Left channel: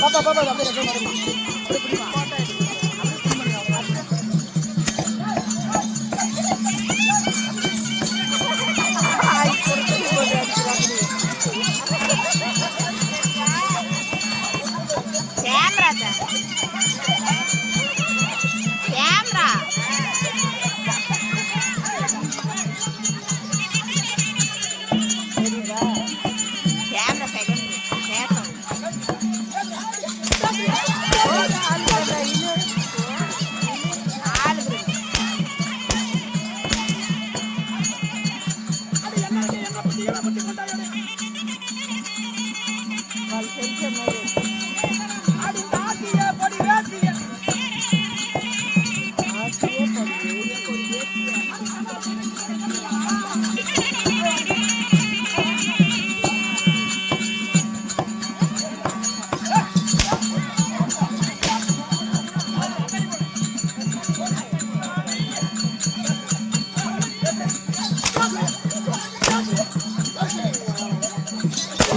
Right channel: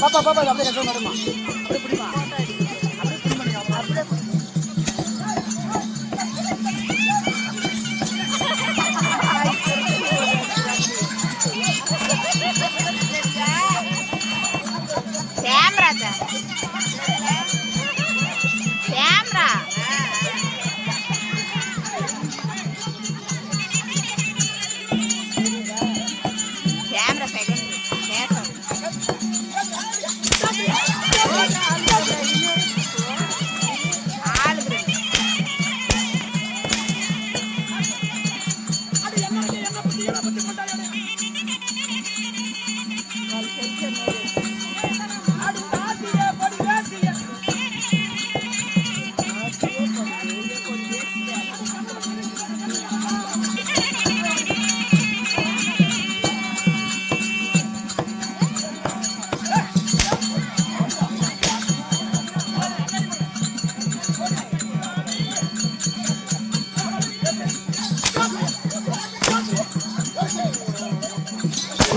பாப்பா பாப்பா அப்படியே மேடமா அப்படியே பிடிமா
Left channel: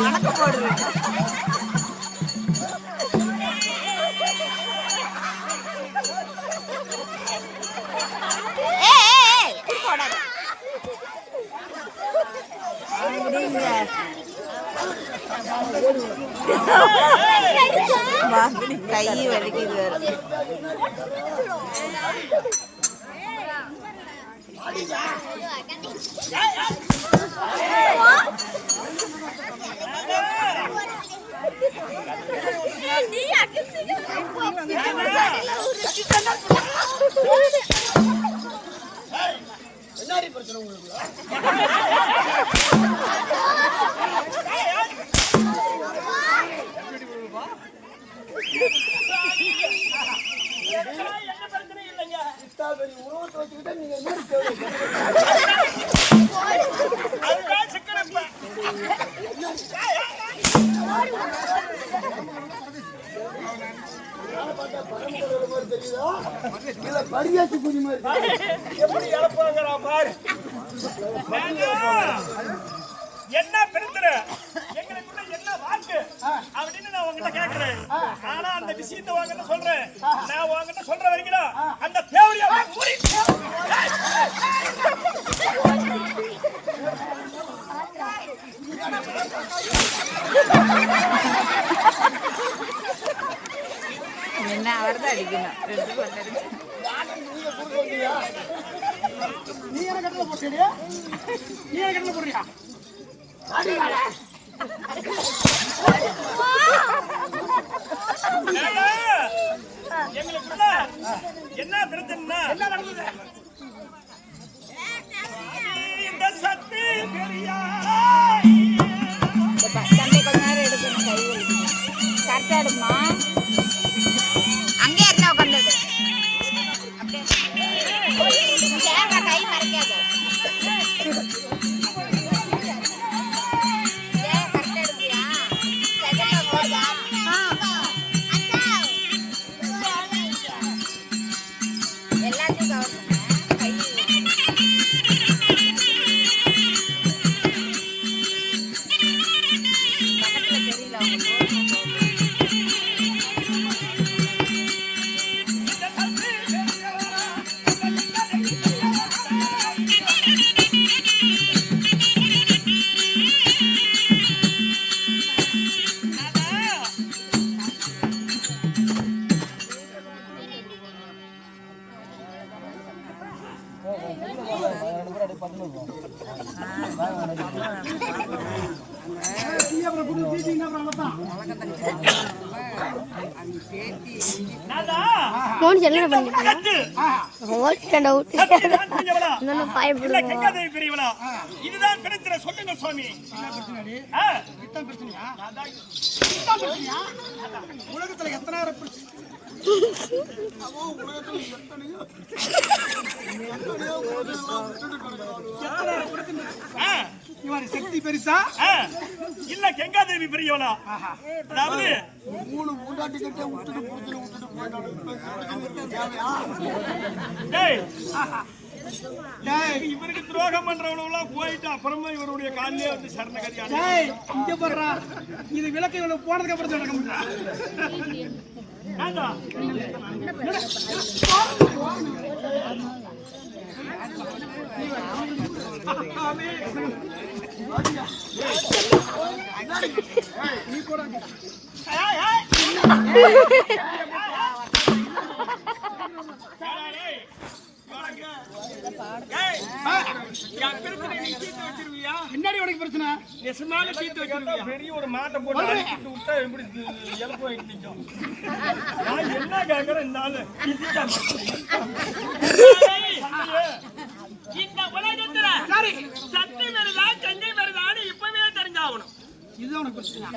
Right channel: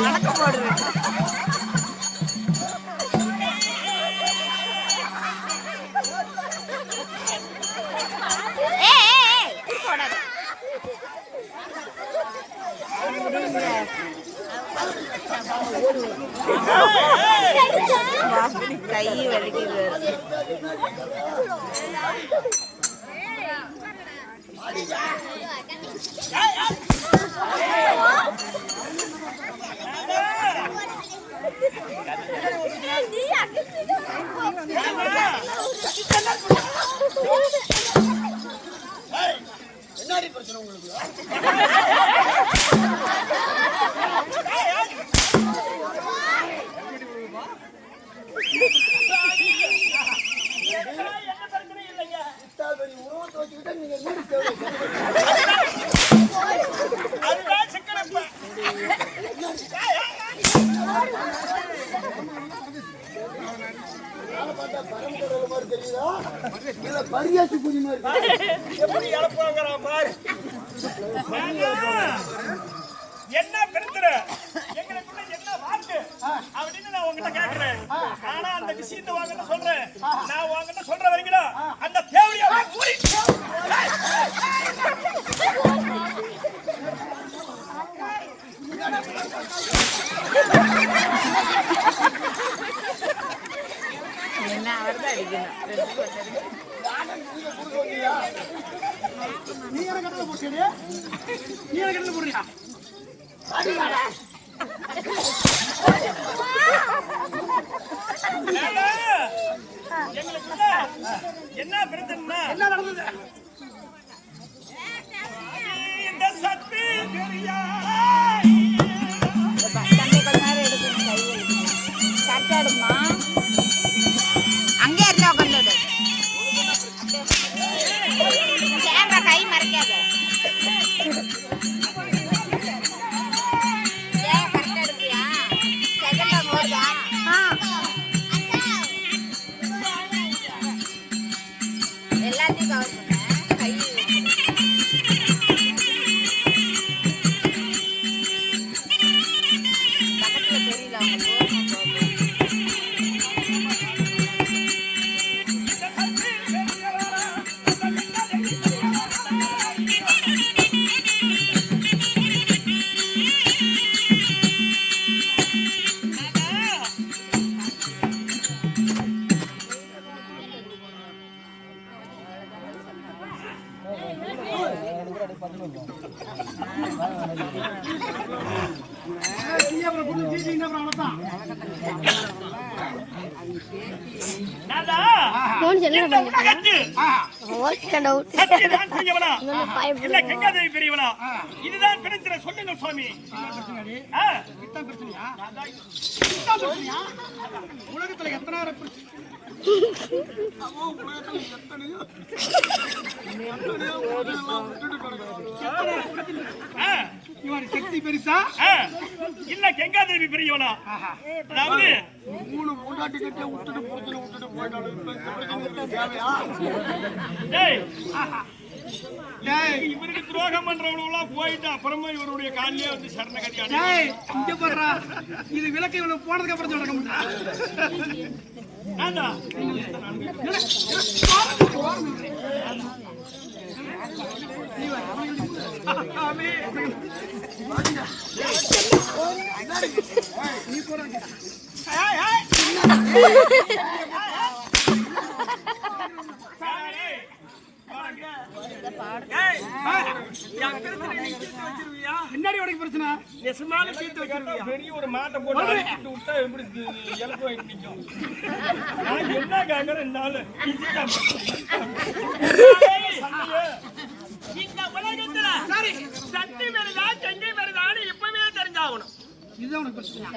வணக்கம் போடுறேன். கை வலிக்குது. என்னடி பிரச்சனை உங்களுக்கு? என்ன பிரச்சனை இல்லைங்க. உணவு வச்சுக்கிட்டா நீங்க அதுதான் சிக்கனப்ப. பரியாச்சு குதி மாதிரி எப்படி இழப்பாங்கிறா பாரு. என்ன பிரச்சனை எங்களுக்குள்ள என்ன வாக்கு அப்படின்னு நான் உங்ககிட்ட கேட்கிறேன். ஆனா அந்த விஷயத்தை வாங்கிட்ட சொல்றேன். நான் வாங்கிட்ட சொல்ற வரைக்கும் அந்த தேவடியா என்ன அவர்தான் அடிக்கணும். நீ என்ன கட்டல போட்டியா? நீ என்ன கட்டல போடுறியா? எங்களுக்குள்ள என்ன பிரச்சனை? என்ன நடந்தது? இந்த சக்தி பெரியா தந்தை கொஞ்ச நேரம் எடுக்கணும். கை வலிக்குது. கரெக்டா எடுமா. அங்கே இருந்தா உட்காந்து கை மறைக்காது. இதுதான் பிரச்சனை. சொல்லுங்க சுவாமி. உலகத்துல எத்தனை சக்தி பெருசா இல்ல கங்காதேவி பெரியவனா? அதாவது மூணு மூண்டாட்டி கிட்ட விட்டுட்டு போயிட்டாங்க. இவருக்கு துரோகம் பண்றவங்களா போயிட்டு அப்புறமா இவருடைய காலிலே வந்து சரணகதி டேய் இங்க பாருடா இது விளக்கு இவ்வளவு போனதுக்கு அப்புறம் நடக்க முடியல ஏண்டா நீ கூட என்னடி உனக்கு பிரச்சனை பெரிய ஒரு மாட்டை போட்டு விட்டா எப்படி இழப்பு வாங்கி நிற்கும் நான் என்ன கேட்கறேன் இந்த ஆளு இந்த உலகத்துல சக்தி வருதா செங்கை வருதான்னு இப்பவே தெரிஞ்சாகணும். இதுதான் உனக்கு பிரச்சனையா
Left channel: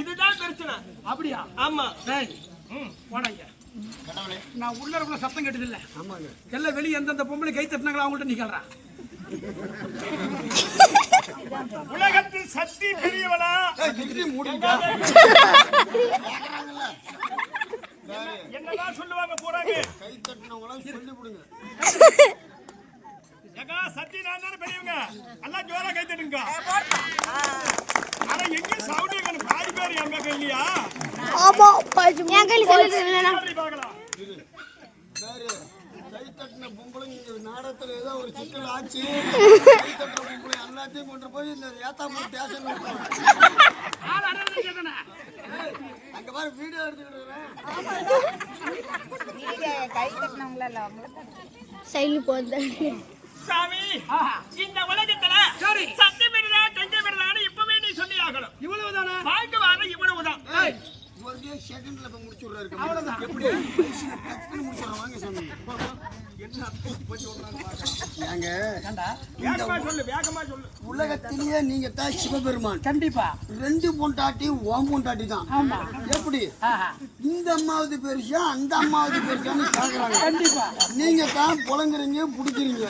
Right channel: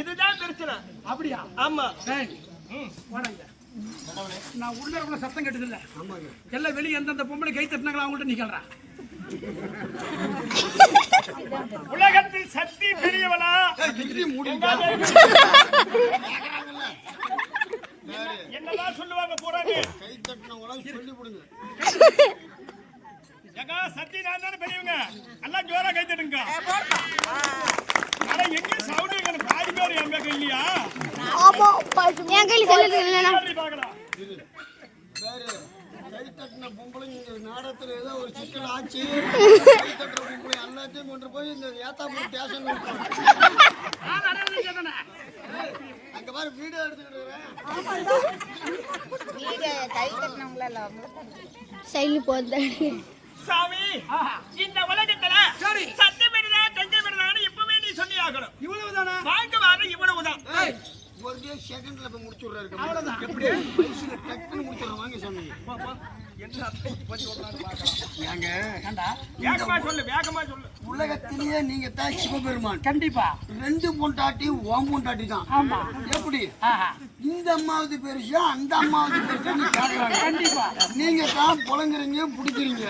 இதுதான் பிரச்சனை. அப்படியா ஆமா. போடாங்க நான் உள்ள இருக்கிற சத்தம் கேட்டது இல்ல எல்லாம் வெளியே எந்தெந்த பொம்பளை கை தட்டினாங்களா அவங்கள்ட்ட நீ கேள்றா உலகத்தில் சக்தி பெரியவளா என்னதான் சொல்லுவாங்க போறாங்க கை தட்டினவங்க சக்தி நான் தானே பெரியவங்க எல்லாம் ஜோரா கை தட்டுங்க ஆனா எங்க சவுண்ட் எங்க பாதி பேர் எங்க கையிலயா ஆமா என் கையில சொல்லுங்க பார்க்கலாம் கை தட்டின பொம்பளை நாடகத்துல ஏதோ ஒரு சிக்கல் ஆச்சு கை தட்டுற பொம்பளை எல்லாத்தையும் கொண்டு போய் இந்த ஏத்தாப்பூர் ஸ்டேஷன்ல அங்க பாரு வீடியோ எடுத்துக்கிட்டு சைலி போது சாமி இந்த உலகத்துல சக்தி வருதா செங்கை வருதான்னு இப்பவே நீ சொல்லி ஆகணும். இவ்வளவுதானா வாங்க வாங்க இவ்வளவுதான். ஒரு செகண்ட்ல போய் முடிச்சு விடுறாரு அவ்வளவுதான் எப்படி டக்குன்னு முடிச்சிடறோம் வாங்க சொன்னீங்க ஏங்க வேகமா சொல்லு வேகமா சொல்லு. உலகத்திலேயே நீங்க தான் சிவபெருமான் கண்டிப்பா ரெண்டு பொண்டாட்டி ஓம் பொண்டாட்டி தான் ஆமா எப்படி இந்த அம்மாவது பெருசா அந்த அம்மாவது பெருசான்னு கேக்குறாங்க கண்டிப்பா நீங்க தான் புலங்குறீங்க பிடிக்கிறீங்க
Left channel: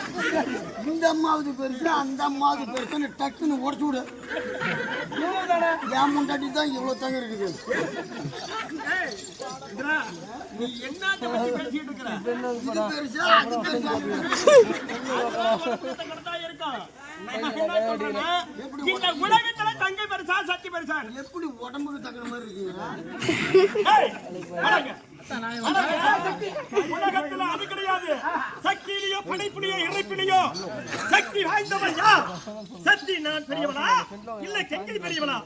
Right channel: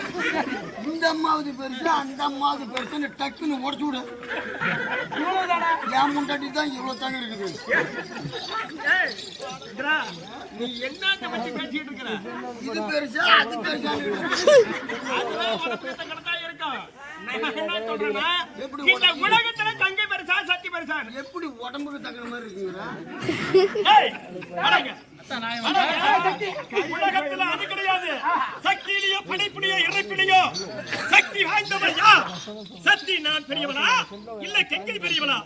இந்த அம்மாவது பெருசா அந்த அம்மாவது பெருசான்னு டக்குன்னு உடச்சு விடு இவ்வளவுதானா என் பொண்டாட்டி தான் இவ்வளவு தாங்க இருக்குது நீ என்னத்த பத்தி பேசிட்டு இருக்கிற? இது பெருசா அது பெருசா அதுதான் உலகத்தை கடத்தா இருக்கும். நான் என்ன சொல்றேன்னா இந்த உலகத்துல தங்கை பெருசா சக்தி பெருசா எப்படி உடம்புக்கு தகுந்த மாதிரி இருக்குங்களா உலகத்துல அது கிடையாது சக்தியிலையோ படைப்பிலையோ இறைப்பிலையோ சக்தி வாய்ந்தவன் யார் சக்தி நான் பெரியவனா இல்ல கங்கை பெரியவனா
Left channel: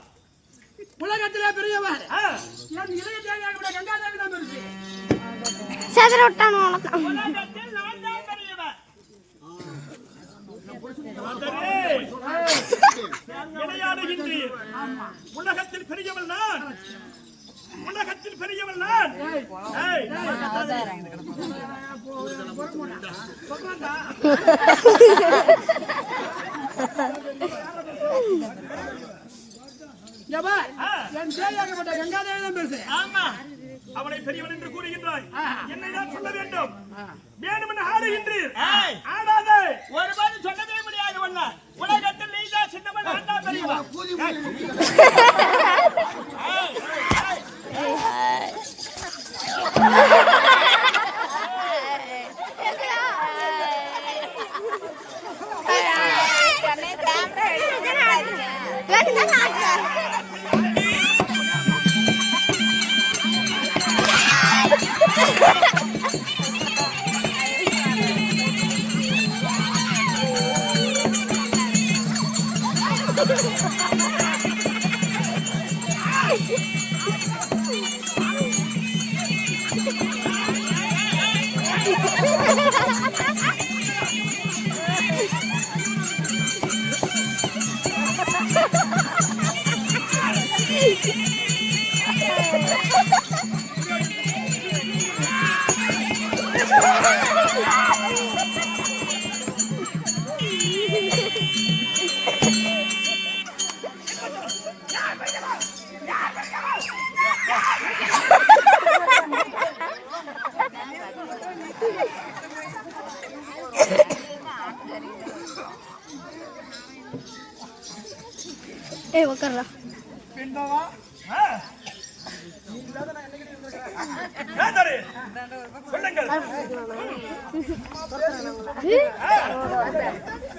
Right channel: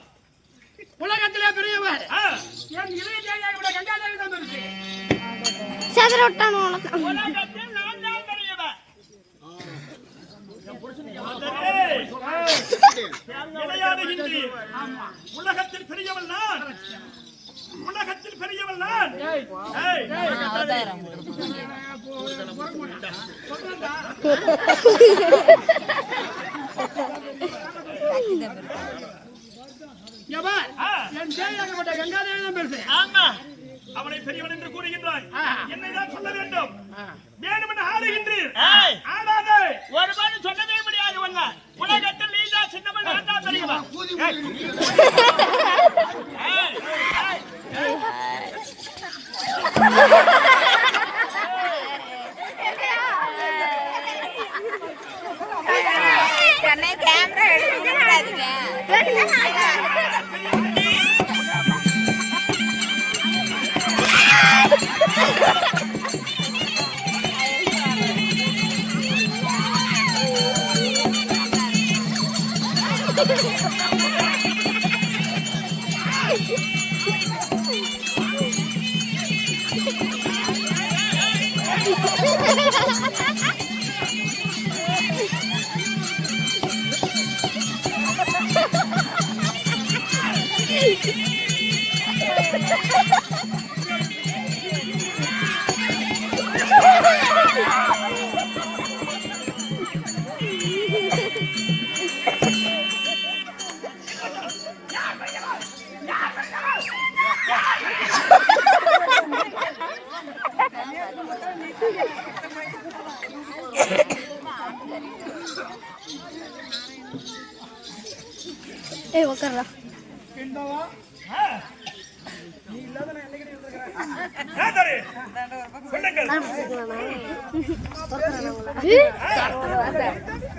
உலகத்திலே பெரியவர் என் இளைய தேவியாக கங்காதேவி தான் பெருசு சதுர விட்டானு உலகத்தில் நான் தான் பெரியவன். விளையாடுகின்றி உலகத்தில் பெரியவள் நான் உலகத்தில் பெரியவள் நான் என் தேவியாகப்பட்ட கங்காதேவி தான் பெருசு ஆமா. அவளை பெரியவன் என்று கூறுகின்றாய் என்னைதான் சொல்ல வேண்டும் வேணுமென ஆடுகின்றீர் ஆடாதே ஒருபாடு சொல்லவே முடியாது ஒண்ணு. உலகத்தில் நீதா சின்னவன் நான் தான் பெரியவன். கூலி ஏய் உட்கார்றா பிண்டவா நீ இல்லாத நான் என்னைக்கு இருந்திருக்கிறேன். ராஜாரே, சொல்லுங்கள்.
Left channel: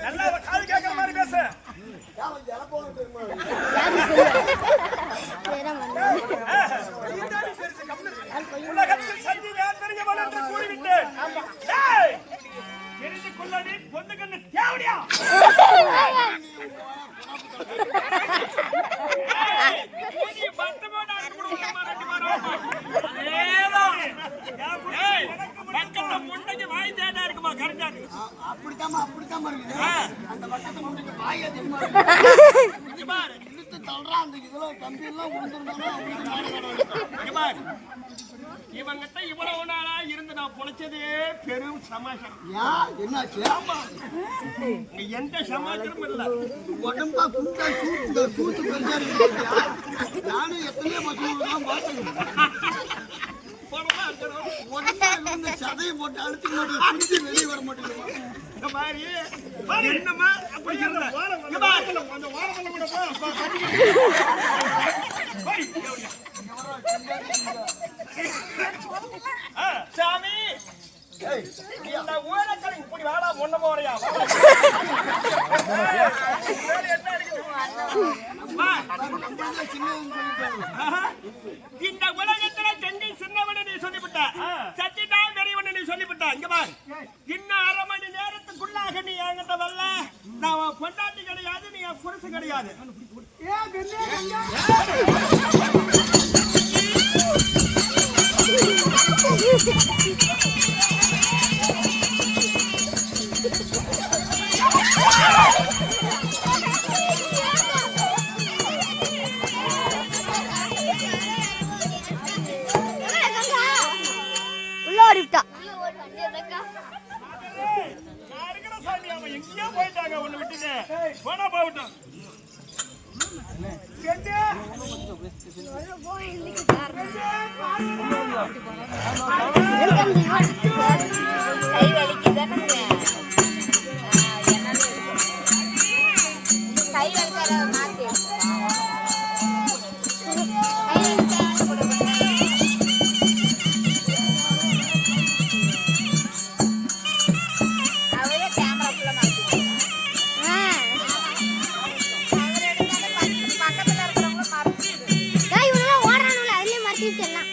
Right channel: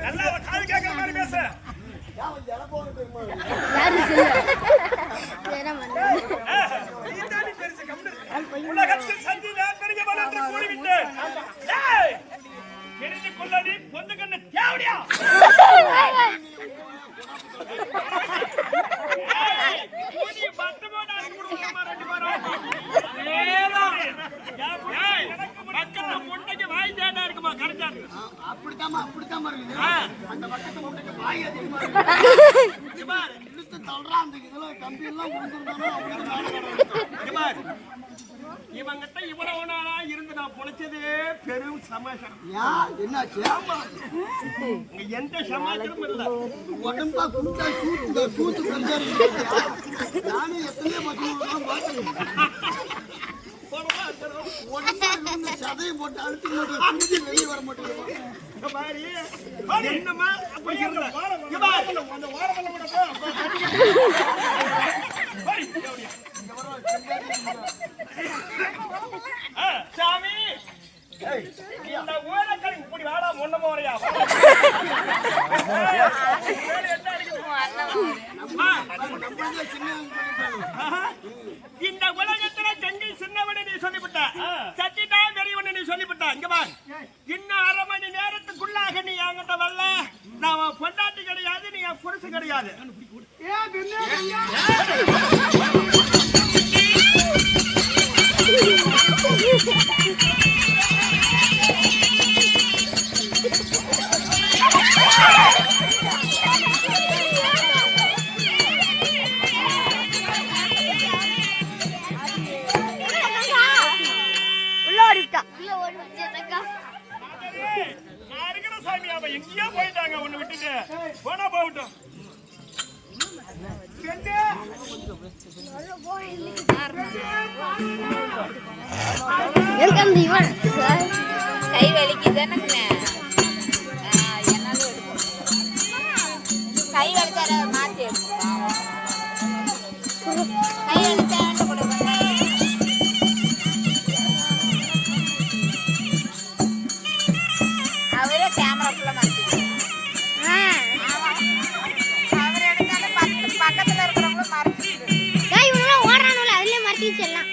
நல்லா காது கேட்கிற மாதிரி பேசு. உலகத்தில் சந்தி நான் பெரியவன் என்று கூறிவிட்டேன். டேய், தெரிந்து கொள்ளடி பொண்ணு கண்ணு தேவடியா? அப்படித்தாம்மா இருக்குது. அந்த பக்கத்து முட்டைக்கு வாய் அதிகமா இழுத்து தள்ளுறான். அந்த இதுல கம்பி எல்லாம் விழுந்துருந்தாலும் இவங்கிட்ட இவ்வளவு நாளா இருந்து நான் பொழைச்சதே பெரும் சமாச்சாரம். என்னாச்சு? எந்த சமாச்சாரமும் இல்ல. உடம்பா குண்டா சூத்து பெருசா இருக்கு. நானும் எத்தனையோ பசங்க பார்த்துருக்கேன். உடம்பா இருந்து சதையை போட்டு அழுத்தி போட்டு வெளியே வர மாட்டேங்குது. என்னமா அப்படி இருந்த சாமி, இந்த ஊரக்கள் இப்படி வாடா முன்ன போறியா? இந்த உலகத்துல செங்கை சின்னவனு நீ சொல்லிவிட்ட, சத்திதான் பெரியவனு நீ சொல்லிவிட்ட. இங்க பார், இன்னும் 1/2 மணி நேரத்துக்குள்ளாக நீ என்கிட்ட வரல, நான் பொண்டாட்டி கிடையாது, நீ என் புருஷன் கிடையாது. எங்கேயோ போயிட்டாங்க, ஒண்ணு விட்டுட்டு போனா போகட்டும். கை வலிக்குதுன்னு கை வந்தார மாத்தி அவரே கேமராக்குள்ள மாத்தி பக்கத்துல இருக்கிறவங்க மறைச்சு ஓடுறானுல அதுலயே மறைச்சிடலாம்.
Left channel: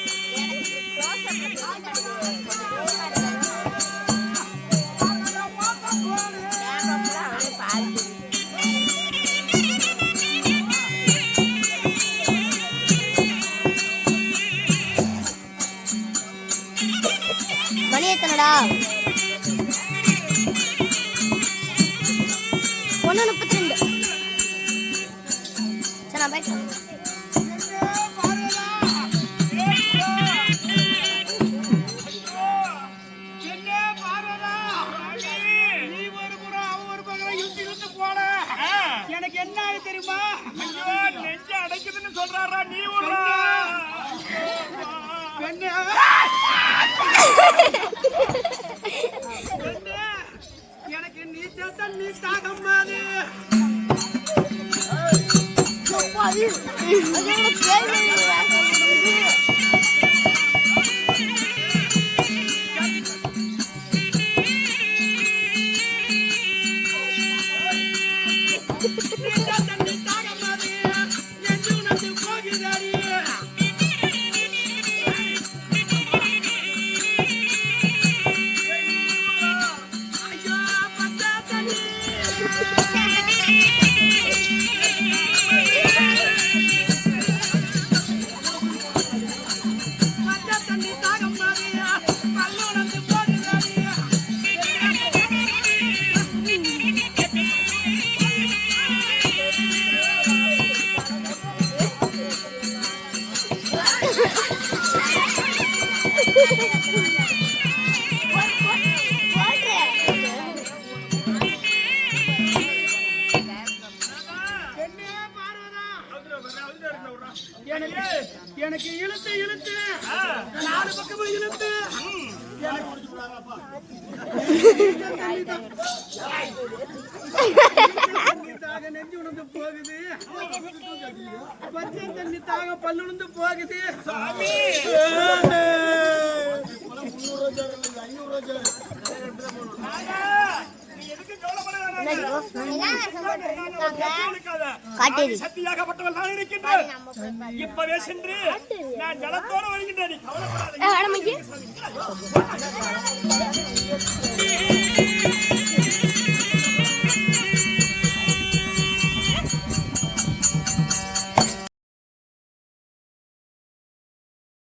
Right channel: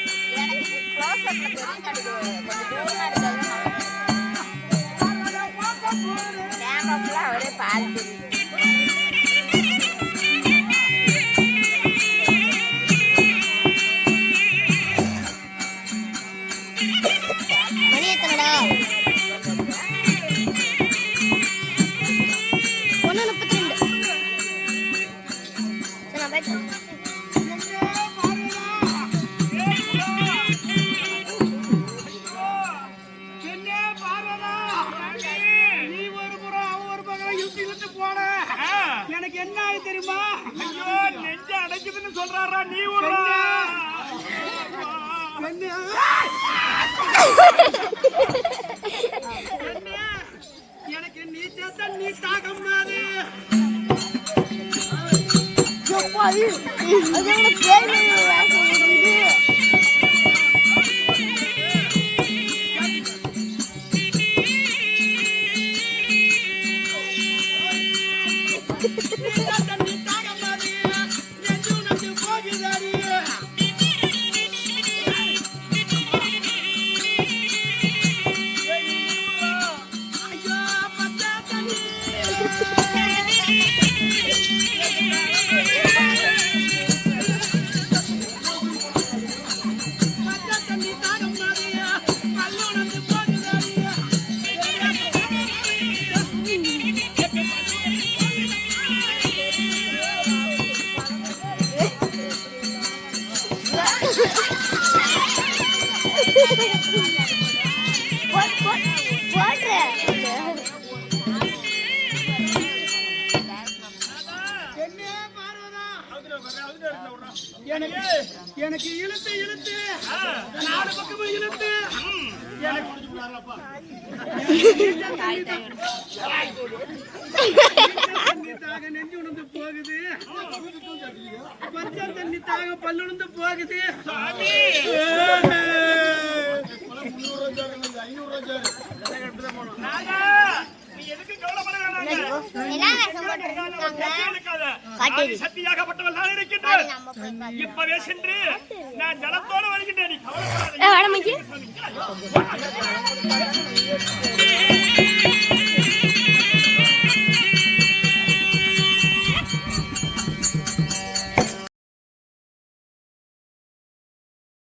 எனக்கு என்ன தெரியுமா? நெஞ்ச அடைக்குதுன்னு சொல்றாரா நீ? ஒரு எனக்கு நீ சேர்த்த நீ தாகம்மாது. எனக்கு இழுத்து இழுத்து 4 பக்கமும் இழுத்து தண்ணி தாக நெஞ்சு உணர்ந்து போகுது. பச்சை தண்ணி தாக பல்லுந்து போகுது சாமி 300 ரூபாய் 500 ரூபாய் நானா, நீ எதுக்கு கவலைப்பட வேணாங்க. சக்தியாகப்பட்டவள் நான் இருக்கின்றேன். இப்பவே சென்று நான் ஜலத்தோடு வருகின்றேன். நீ கவலைப்படாத.